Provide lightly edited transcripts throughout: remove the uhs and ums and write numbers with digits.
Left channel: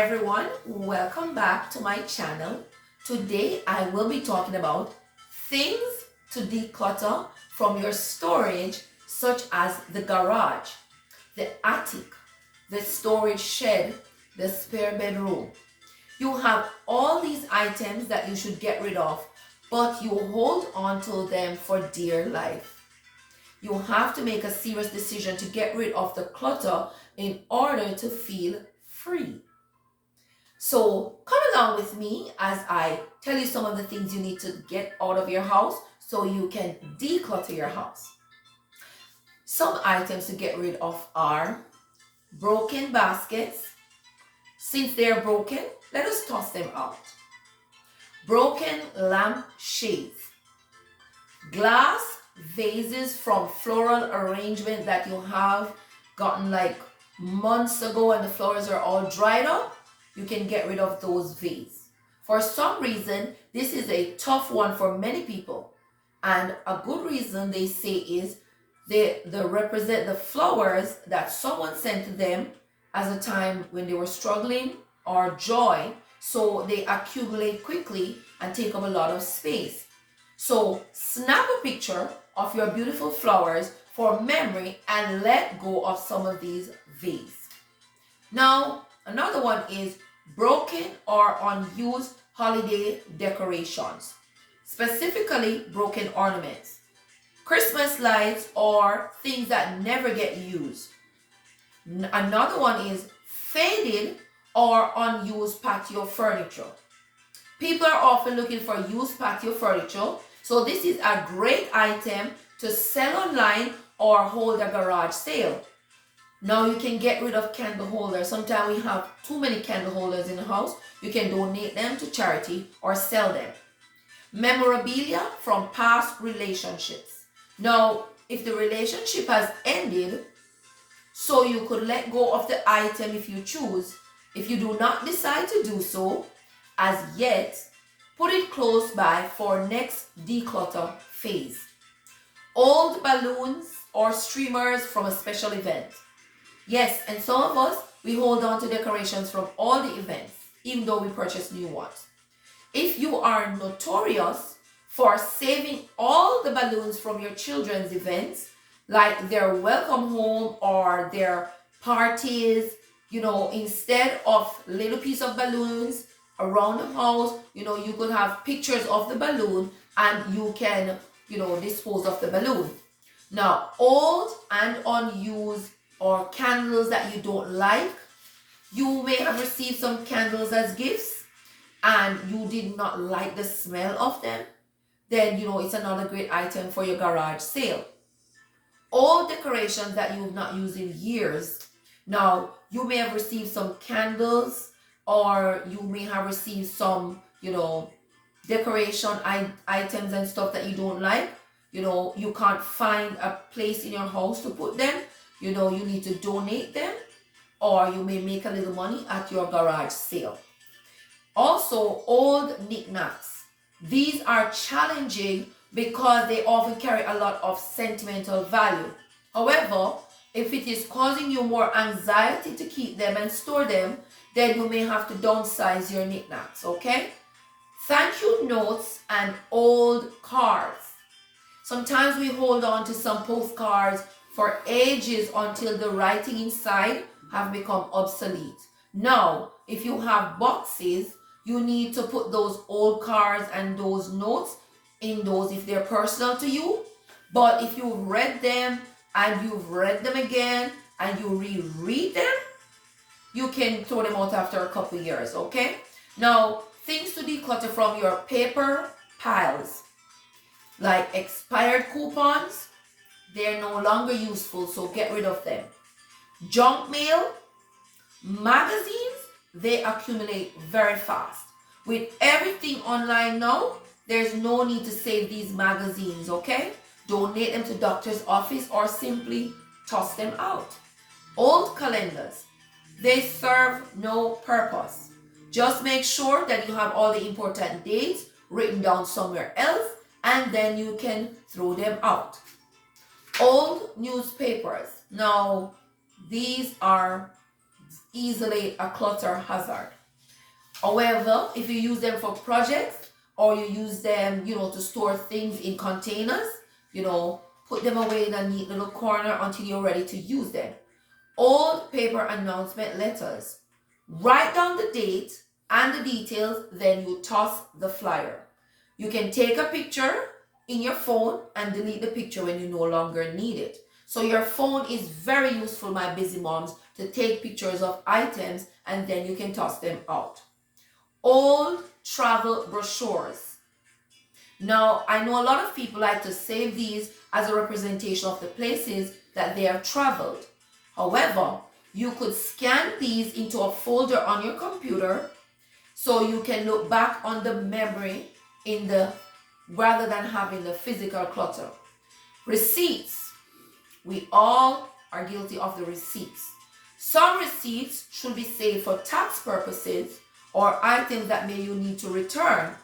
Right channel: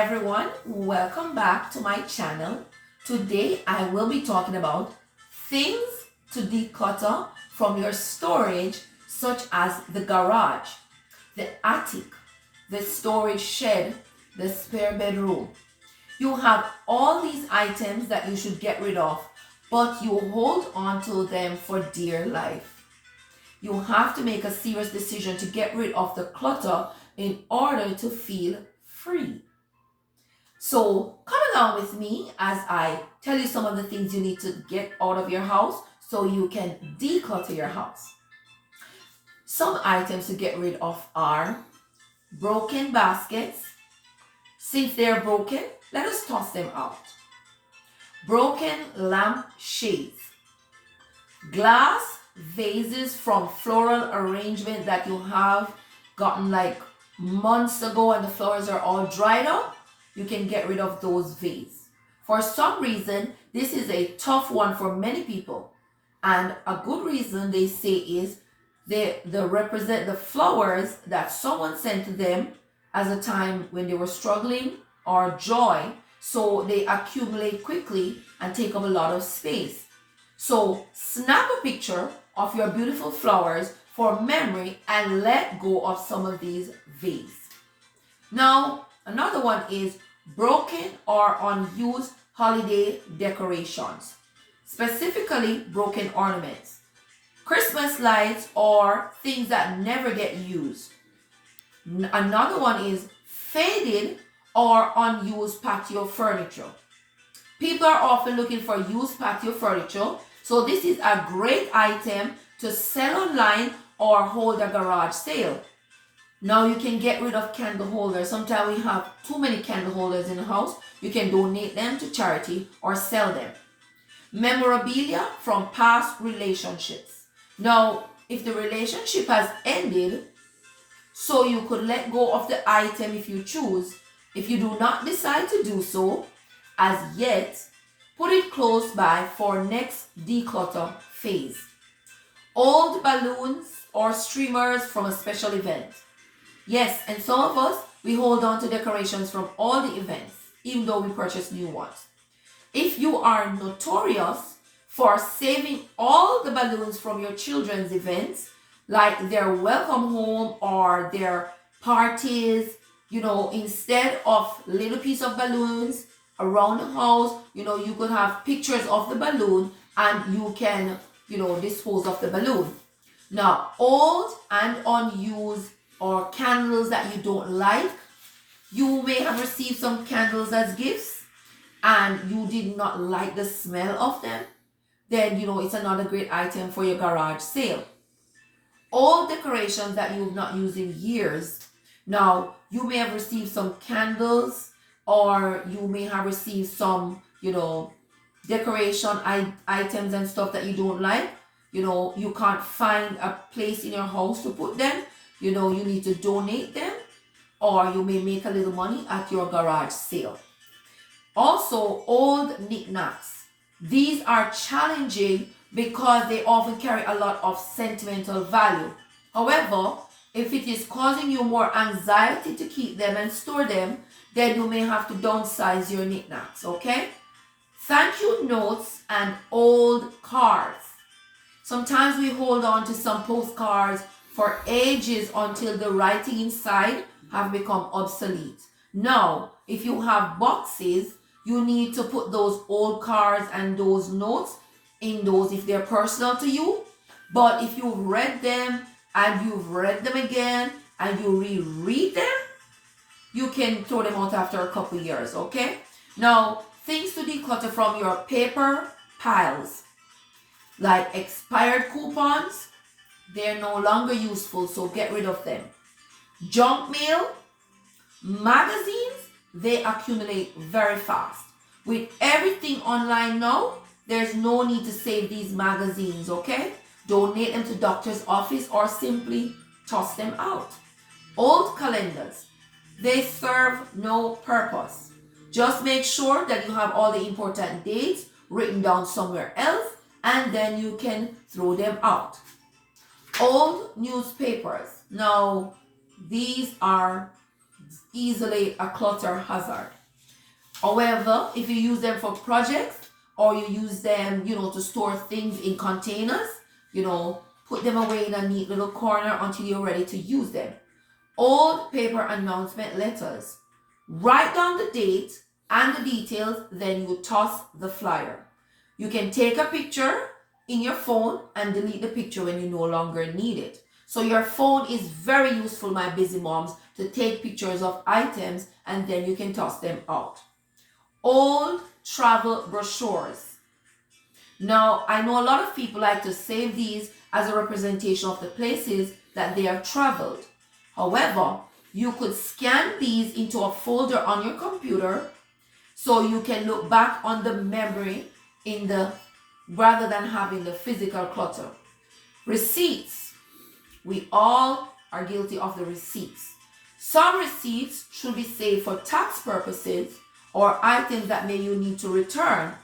everyone, welcome back to my channel. Today I will be talking about things to declutter from your storage, such as the garage, the attic, the storage shed, the spare bedroom. You have all these items that you should get rid of, but you hold on to them for dear life. You have to make a serious decision to get rid of the clutter in order to feel free. So come along with me as I tell you some of the things you need to get out of your house so you can declutter your house. Some items to get rid of are broken baskets. Since they're broken, let us toss them out. Broken lamp shades. Glass vases from floral arrangement that you have gotten like months ago and the flowers are all dried up, you can get rid of those vases. For some reason, this is a tough one for many people. And a good reason they say is they represent the flowers that someone sent to them as a time when they were struggling or joy. So they accumulate quickly and take up a lot of space. So snap a picture of your beautiful flowers for memory and let go of some of these vases. Now, another one is broken or unused holiday decorations, specifically broken ornaments, Christmas lights, or things that never get used. Another one is faded or unused patio furniture. People are often looking for used patio furniture, so this is a great item to sell online or hold a garage sale. Now you can get rid of candle holders. Sometimes we have too many candle holders in the house. You can donate them to charity or sell them. Memorabilia from past relationships. Now, if the relationship has ended, so you could let go of the item if you choose. If you do not decide to do so as yet, put it close by for next declutter phase. Old balloons or streamers from a special event. Yes, and some of us, we hold on to decorations from all the events, even though we purchase new ones. If you are notorious for saving all the balloons from your children's events, like their welcome home or their parties, instead of little piece of balloons around the house, you could have pictures of the balloon and you can, dispose of the balloon. Now, old and unused or candles that you don't like, you may have received some candles as gifts and you did not like the smell of them, then, it's another great item for your garage sale. Old decorations that you've not used in years. Now, you may have received some candles or you may have received some, decoration items and stuff that you don't like. You can't find a place in your house to put them. You need to donate them or you may make a little money at your garage sale. Also, old knickknacks. These are challenging because they often carry a lot of sentimental value. However, if it is causing you more anxiety to keep them and store them, then you may have to downsize your knickknacks, okay? Thank you notes and old cards. Sometimes we hold on to some postcards for ages until the writing inside have become obsolete. Now, if you have boxes, you need to put those old cards and those notes in those if they're personal to you. But if you've read them and you've read them again and you reread them, you can throw them out after a couple years, okay? Now, things to declutter from your paper piles, like expired coupons, they're no longer useful, so get rid of them. Junk mail, magazines, they accumulate very fast. With everything online now, there's no need to save these magazines, okay? Donate them to doctor's office or simply toss them out. Old calendars, they serve no purpose. Just make sure that you have all the important dates written down somewhere else and then you can throw them out. Old newspapers. Now, these are easily a clutter hazard. However, if you use them for projects or you use them, to store things in containers, put them away in a neat little corner until you're ready to use them. Old paper announcement letters. Write down the date and the details, then you toss the flyer. You can take a picture in your phone and delete the picture when you no longer need it. So your phone is very useful, my busy moms, to take pictures of items and then you can toss them out. Old travel brochures. Now, I know a lot of people like to save these as a representation of the places that they have traveled. However, you could scan these into a folder on your computer so you can look back on the memory rather than having the physical clutter. Receipts. We all are guilty of the receipts. Some receipts should be saved for tax purposes or items that may you need to return.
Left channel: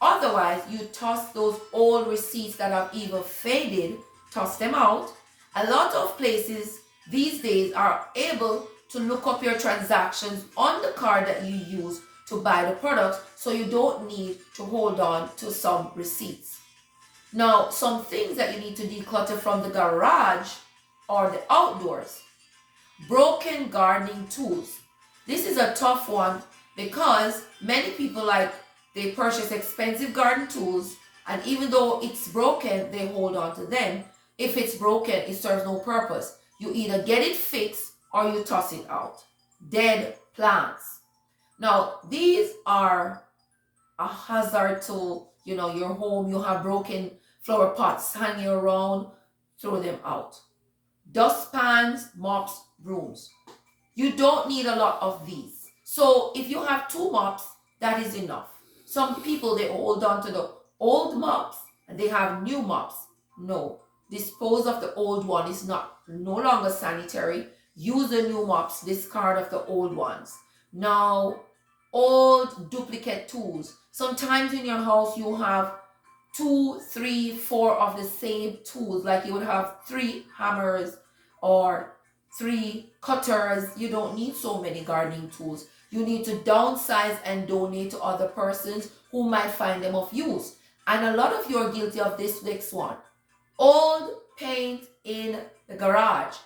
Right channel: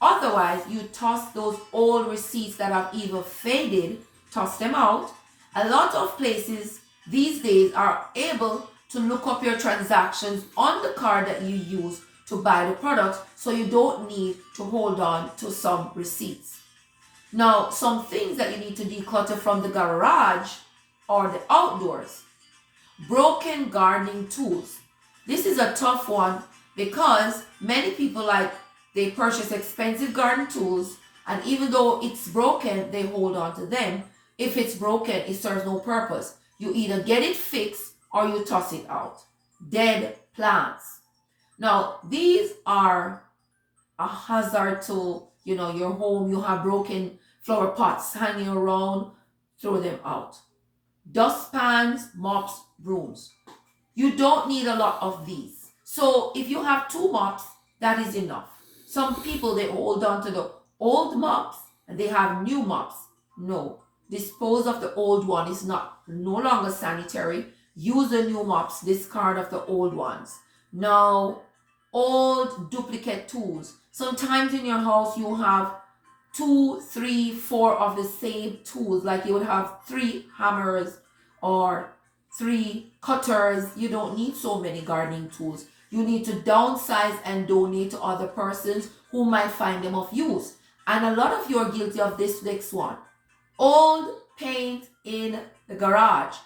Otherwise, you toss those old receipts that have either faded, toss them out. A lot of places these days are able to look up your transactions on the card that you use to buy the product, so you don't need to hold on to some receipts. Now, some things that you need to declutter from the garage or the outdoors. Broken gardening tools. This is a tough one because many people they purchase expensive garden tools, and even though it's broken, they hold on to them. If it's broken, it serves no purpose. You either get it fixed or you toss it out. Dead plants. Now, these are a hazard to, your home. You have broken flower pots hanging around, throw them out. Dustpans, mops, brooms. You don't need a lot of these. So if you have 2 mops, that is enough. Some people, they hold on to the old mops and they have new mops. No, dispose of the old one is no longer sanitary. Use the new mops, discard of the old ones. Now, old duplicate tools. Sometimes in your house you have 2, 3, 4 of the same tools. Like you would have 3 hammers or 3 cutters. You don't need so many gardening tools. You need to downsize and donate to other persons who might find them of use. And a lot of you are guilty of this next one. Old paint in the garage.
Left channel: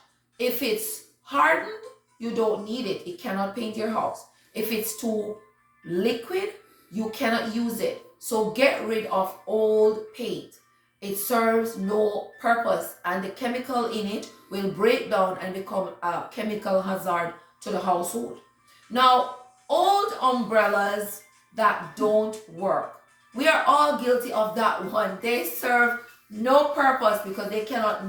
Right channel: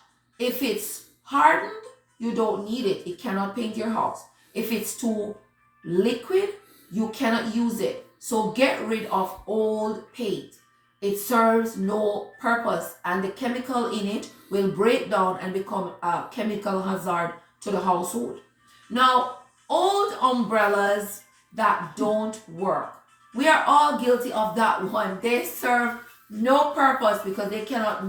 If it's hardened, you don't need it. It cannot paint your house. If it's too liquid, you cannot use it. So get rid of old paint. It serves no purpose, and the chemical in it will break down and become a chemical hazard to the household. Now, old umbrellas that don't work. We are all guilty of that one. They serve no purpose because they cannot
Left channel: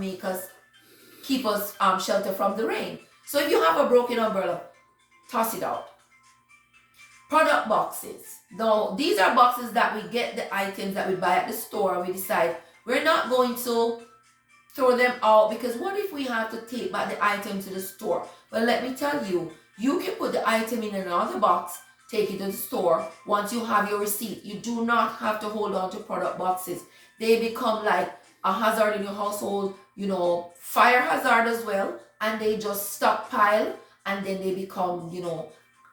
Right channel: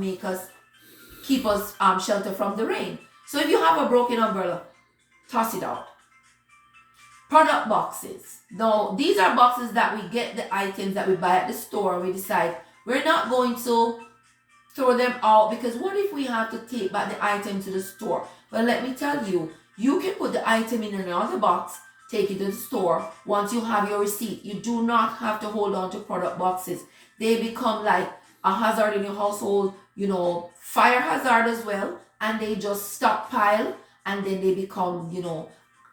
keep us shelter from the rain. So if you have a broken umbrella, toss it out. Product boxes. Now, these are boxes that we get the items that we buy at the store. We decide we're not going to throw them out because what if we have to take back the item to the store? Well, let me tell you, you can put the item in another box, take it to the store. Once you have your receipt, you do not have to hold on to product boxes. They become like a hazard in your household, fire hazard as well, and they just stockpile and then they become,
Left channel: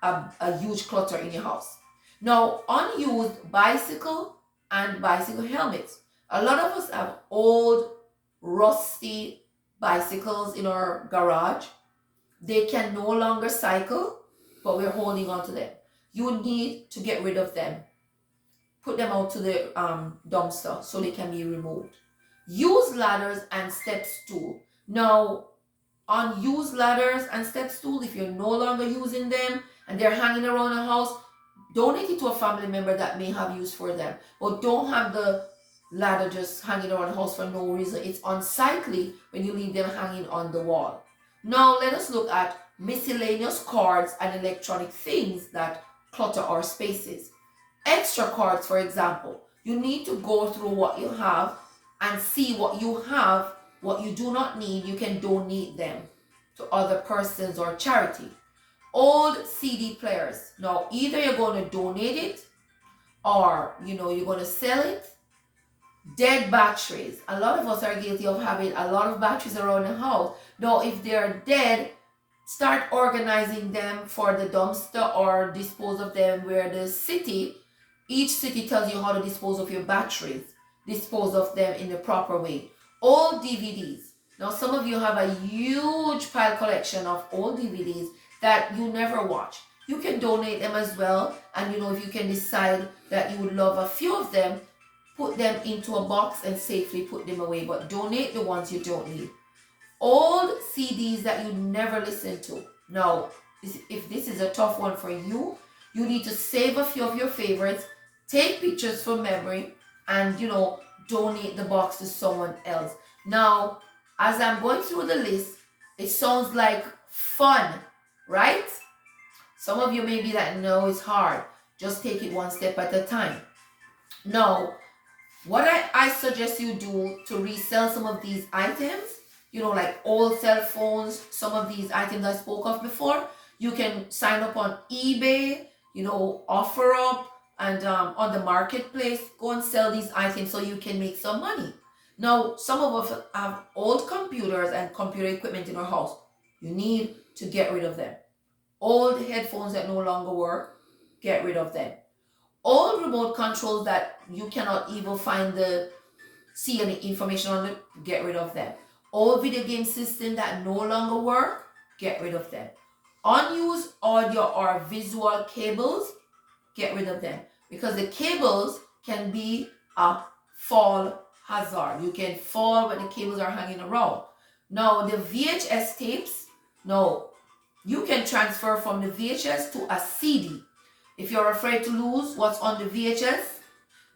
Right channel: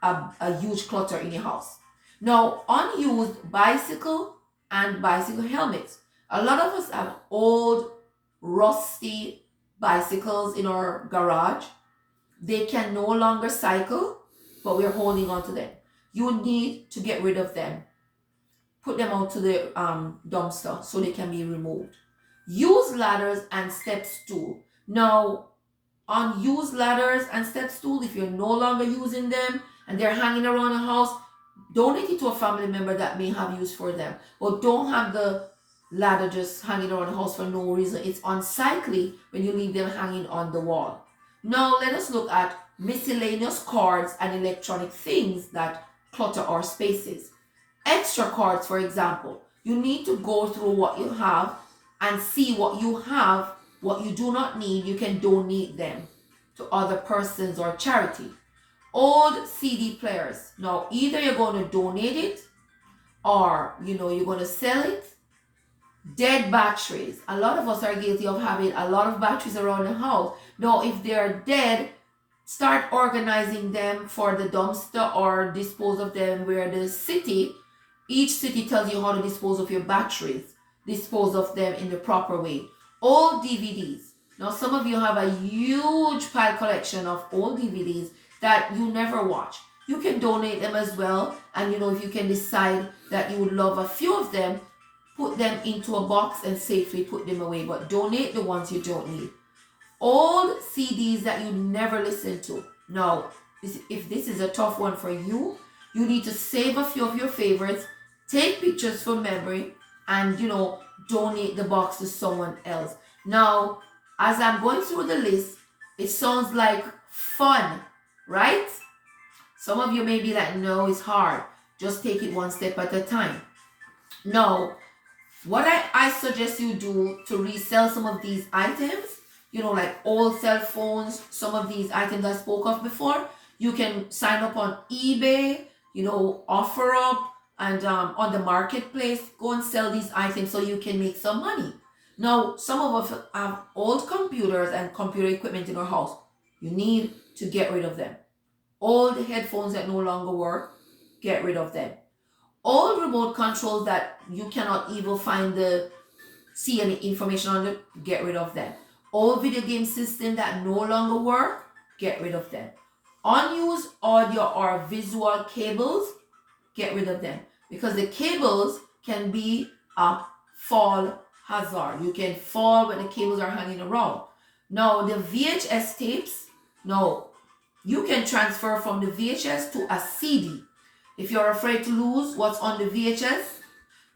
a huge clutter in your house. Now, unused bicycle and bicycle helmets. A lot of us have old, rusty bicycles in our garage. They can no longer cycle, but we're holding on to them. You need to get rid of them. Put them out to the dumpster so they can be removed. Use ladders and step stool. Now, unused ladders and step stool, if you're no longer using them and they're hanging around the house, donate it to a family member that may have use for them. But don't have the ladder just hanging around the house for no reason. It's unsightly when you leave them hanging on the wall. Now let us look at miscellaneous cords and electronic things that clutter our spaces. Extra cords, for example. You need to go through what you have and see what you have, what you do not need. You can donate them to other persons or charity. Old CD players. Now, either you're going to donate it or, you're going to sell it. Dead batteries. A lot of us are guilty of having a lot of batteries around the house. Now, if they're dead, start organizing them for the dumpster or dispose of them where each city tells you how to dispose of your batteries, dispose of them in the proper way. Old DVDs. Now some of you have a huge pile collection of old DVDs that you never watch. You can donate them as well, and if you can decide that you would love a few of them, put them into a box and safely put them away, but donate the ones you don't need. Old CDs that you never listen to. Now, if this is a tough one for you, you need to save a few of your favorites, take pictures for memory, and donate the box to someone else. Now, as I'm going through the list, it sounds like fun, right? Some of you may be like, no, it's hard. Just take it one step at a time. Now, what I suggest you do to resell some of these items, like old cell phones, some of these items I spoke of before, you can sign up on eBay, OfferUp, and on the marketplace, go and sell these items so you can make some money. Now, some of us have old computers and computer equipment in our house. You need to get rid of them. Old headphones that no longer work, get rid of them. Old remote controls that you cannot even see any information on them, get rid of them. Old video game systems that no longer work, get rid of them. Unused audio or visual cables, get rid of them, because the cables can be a fall hazard. You can fall when the cables are hanging around. Now, the VHS tapes, you can transfer from the VHS to a CD. If you're afraid to lose what's on the VHS,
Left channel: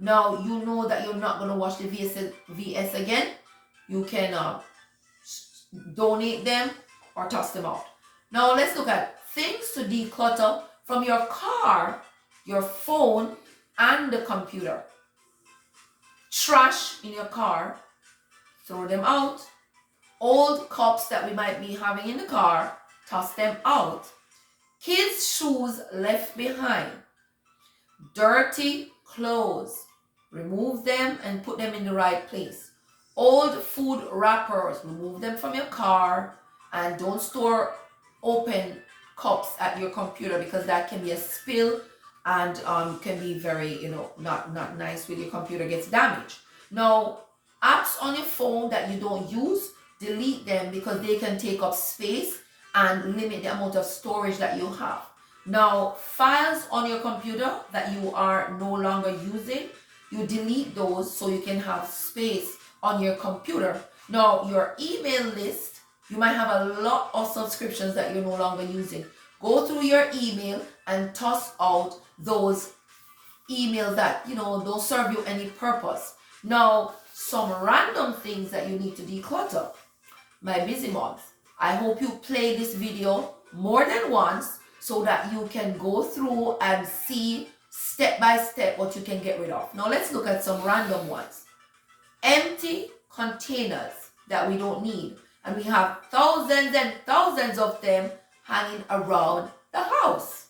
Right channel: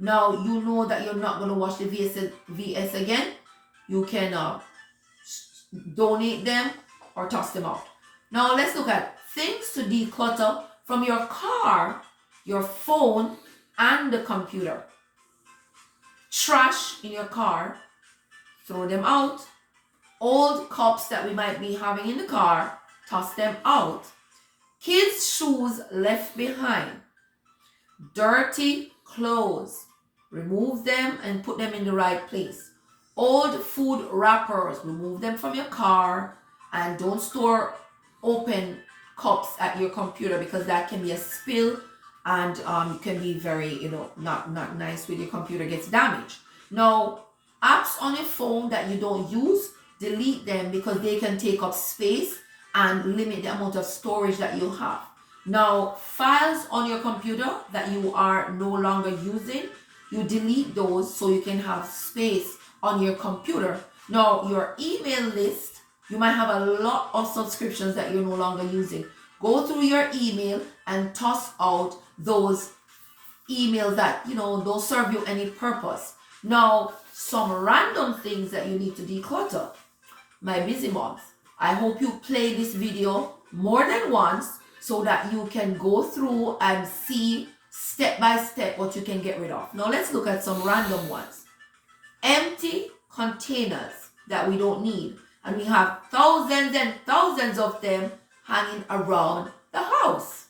now you know that you're not going to watch the VS again. You can donate them or toss them out. Now let's look at things to declutter from your car, your phone, and the computer. Trash in your car, throw them out. Old cups that we might be having in the car, toss them out. Kids' shoes left behind. Dirty clothes, remove them and put them in the right place. Old food wrappers, remove them from your car, and don't store open cups at your computer, because that can be a spill and can be very not nice when your computer gets damaged. Now, apps on your phone that you don't use, delete them, because they can take up space and limit the amount of storage that you have. Now, files on your computer that you are no longer using, you delete those so you can have space on your computer. Now, your email list, you might have a lot of subscriptions that you're no longer using. Go through your email and toss out those emails that don't serve you any purpose. Now, some random things that you need to declutter. My busy moms, I hope you play this video more than once so that you can go through and see step by step what you can get rid of. Now let's look at some random ones. Empty containers that we don't need, and we have thousands and thousands of them hanging around the house.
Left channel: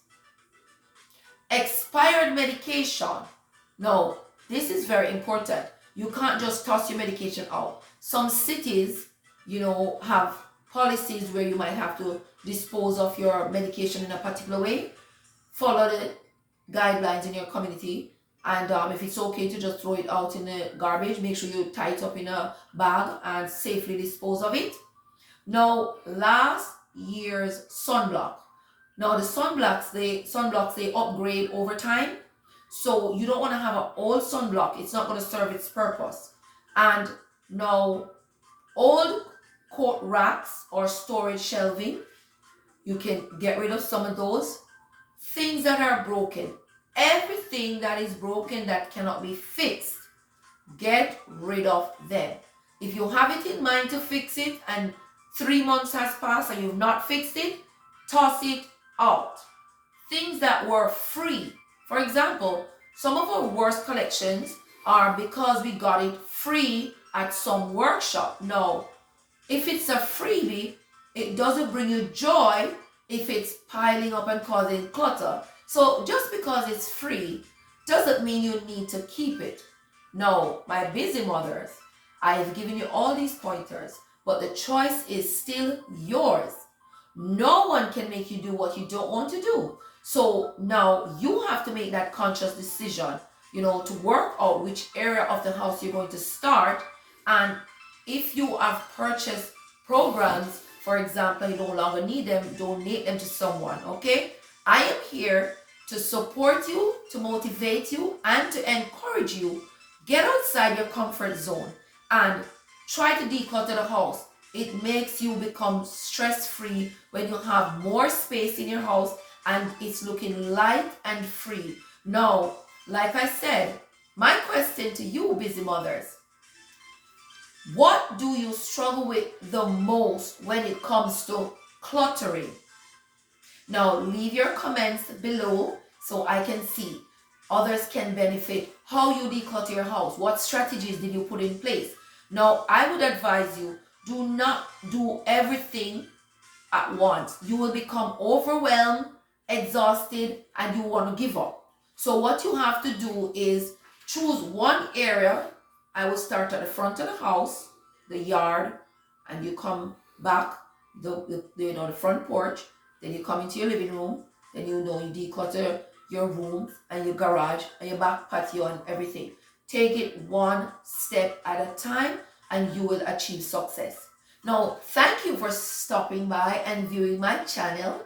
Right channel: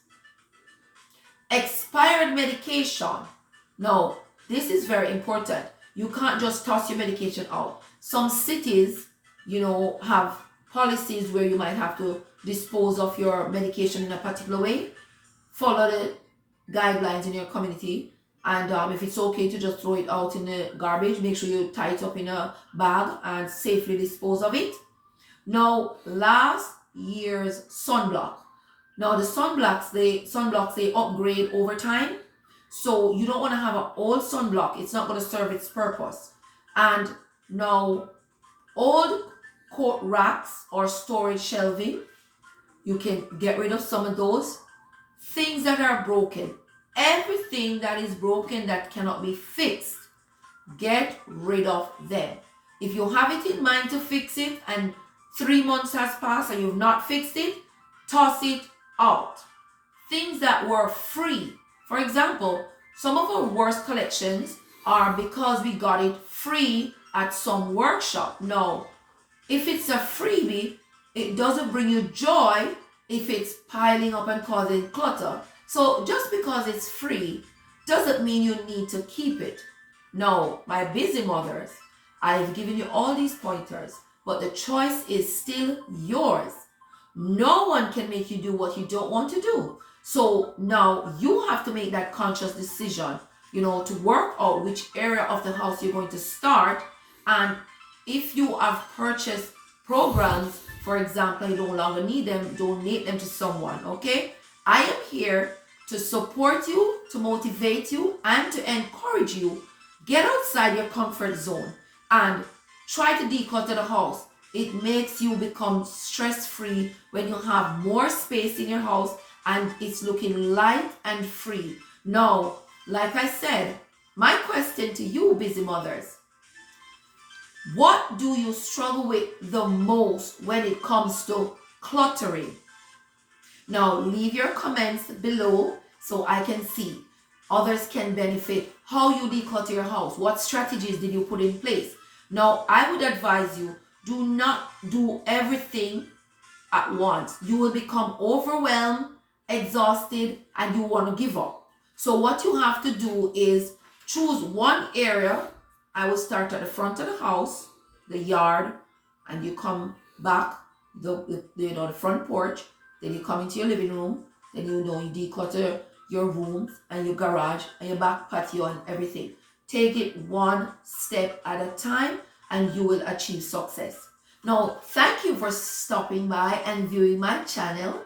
Expired medication. Now, this is very important. You can't just toss your medication out. Some cities, have policies where you might have to dispose of your medication in a particular way. Follow the guidelines in your community, and if it's okay to just throw it out in the garbage, make sure you tie it up in a bag and safely dispose of it. Now, last year's sunblock. Now, the sunblocks they upgrade over time, so you don't want to have an old sunblock. It's not going to serve its purpose. And now, old coat racks or storage shelving, you can get rid of some of those. Things that are broken, everything that is broken that cannot be fixed, get rid of them. If you have it in mind to fix it and 3 months has passed and you've not fixed it, toss it out. Things that were free. For example, some of our worst collections are because we got it free at some workshop. No, if it's a freebie, it doesn't bring you joy if it's piling up and causing clutter. So just because it's free doesn't mean you need to keep it. No, my busy mothers, I've given you all these pointers, but the choice is still yours. No one can make you do what you don't want to do. So now you have to make that conscious decision, to work out which area of the house you're going to start. And if you have purchased programs, for example, you no longer need them, donate them to someone, okay? I am here to support you, to motivate you, and to encourage you. Get outside your comfort zone and try to declutter the house. It makes you become stress-free when you have more space in your house and it's looking light and free. Now, like I said, my question to you, busy mothers, what do you struggle with the most when it comes to cluttering? Now, leave your comments below so I can see. Others can benefit how you declutter your house. What strategies did you put in place? Now, I would advise you, do not do everything at once. You will become overwhelmed, exhausted, and you want to give up. So what you have to do is choose one area. I will start at the front of the house, the yard, and you come back, the front porch. Then you come into your living room. Then you declutter your rooms and your garage and your back patio and everything. Take it one step at a time and you will achieve success. Now, thank you for stopping by and viewing my channel.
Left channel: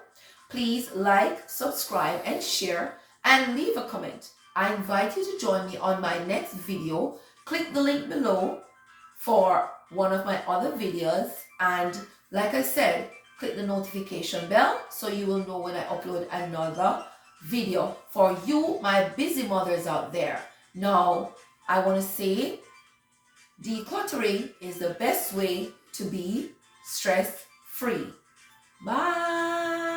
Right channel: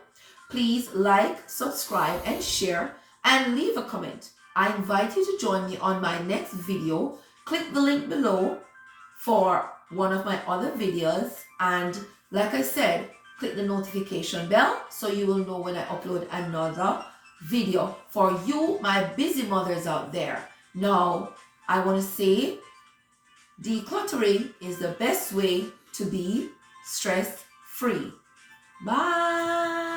Please like, subscribe, and share, and leave a comment. I invite you to join me on my next video. Click the link below for one of my other videos. And like I said, click the notification bell so you will know when I upload another video for you, my busy mothers out there. Now, I want to say decluttering is the best way to be stress-free. Bye.